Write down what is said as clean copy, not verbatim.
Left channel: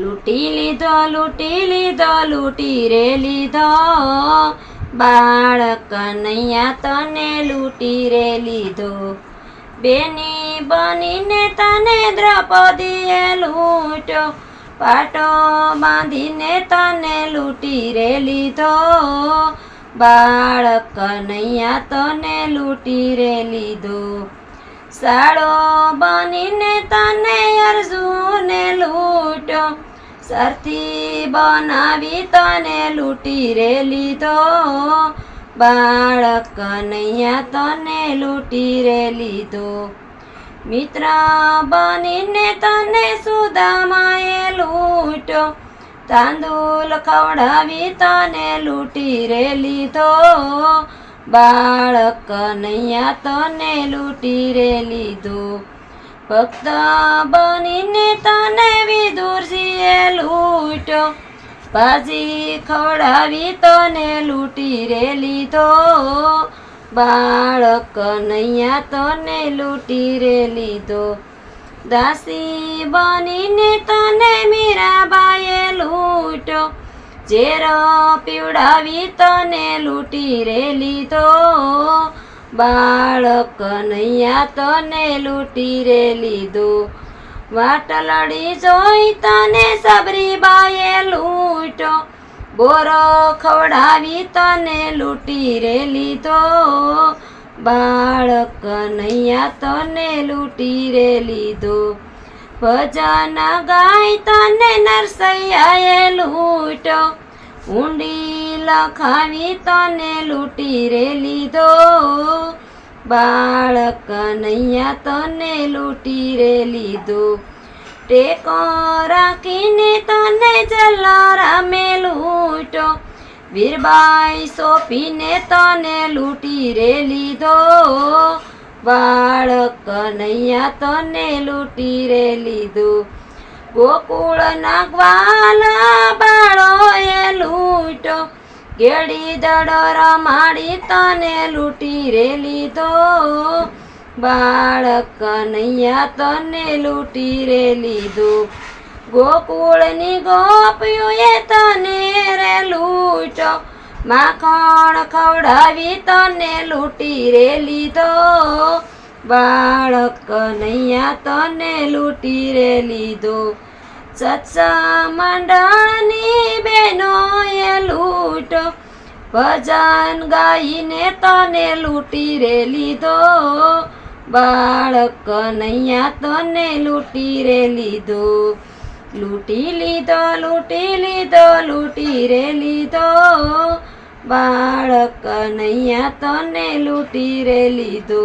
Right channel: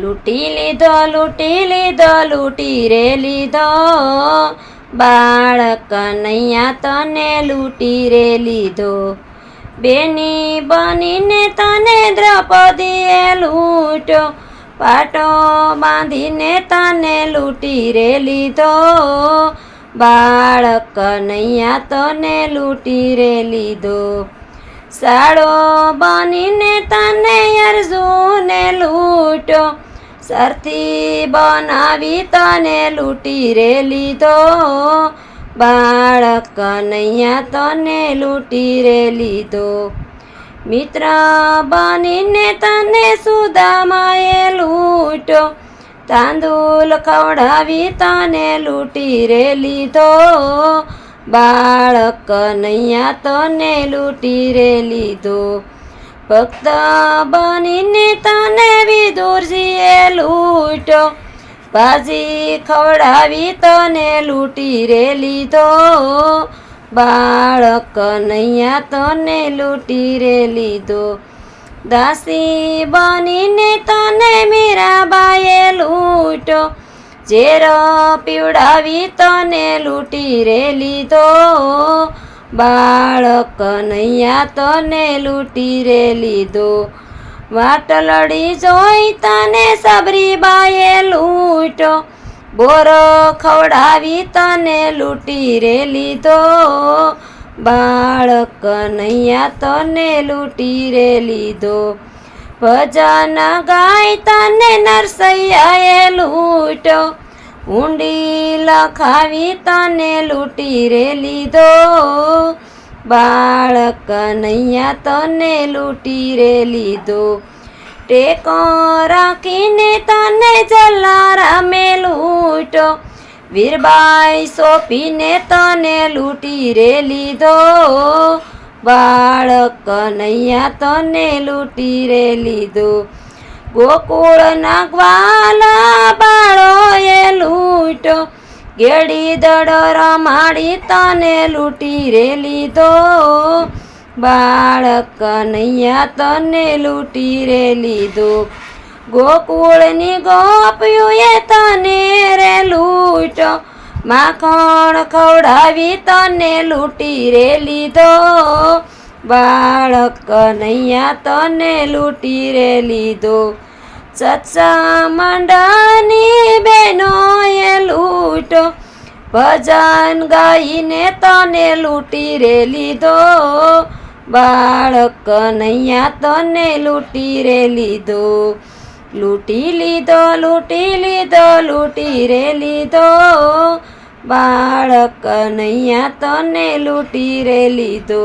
લૂંટી લીધો લૂંટી લીધો લૂંટી રે લીધો બાળ કનૈયા તને લૂંટી રે લીધો બેની બનીને તને દ્રૌપદીએ લૂંટ્યો પાટો બાંધીને તને લૂંટી રે લીધો બાળ કનૈયા તને લૂંટી રે લીધો સાળો બનીને તને અર્જુને લૂંટ્યો સરથી બનાવી તને લૂંટી રે લીધો બાળ કનૈયા તને લૂંટી રે લીધો મિત્ર બનીને તને સુદામાએ લૂંટ્યો તાંદુલ ખવડાવી તને લૂંટી રે લીધો બાળ કનૈયા તને લૂંટી રે લીધો ભક્ત બનીને તને વિદુરજીએ લૂંટ્યો ભાજી ખવડાવી તને લૂંટી રે લીધો બાળ કનૈયા તને લૂંટી રે લીધો દાસી બનીને તને મીરાબાઈએ લૂંટ્યો ઝેર પીવડાવી તને લૂંટી રે લીધો બાળ કનૈયા તને લૂંટી રે લીધો વાટલડી જોઈ તને સબરીબાઈએ લૂંટ્યો બોર ખવડાવી તને લૂંટી રે લીધો બાળ કનૈયા તને લૂંટી રે લીધો ભજન ગાય તને નરસૈયાએ લૂંટ્યો ઊંડી લખાવી તને લૂંટી રે લીધો બાળ કનૈયા તને લૂંટી રે લીધો ટેકો રાખીને તને જલારામે લૂંટ્યો વીરબાઈ સોંપીને તને લૂંટી રે લીધો બાળ કનૈયા તને લૂંટી રે લીધો ગોકુળના ગ્વાલા બાળોએ લૂંટ્યો ગેડી દડો રમાડી તને લૂંટી રે લીધો બાળ કનૈયા તને લૂંટી રે લીધો ગોકુળની ગોપીઓએ તને રે લૂંટ્યો માખણ ખવડાવી તને લૂંટી રે લીધો બાળ કનૈયા તને લૂંટી રે લીધો સત્સંગની બહેનોએ લૂંટ્યો ભજન ગાઈને તને લૂંટી રે લીધો બાળ કનૈયા તને લૂંટી રે લીધો લૂંટી લીધો લૂંટી લીધો લૂંટી રે લીધો બાળ કનૈયા તને લૂંટી રે લીધો।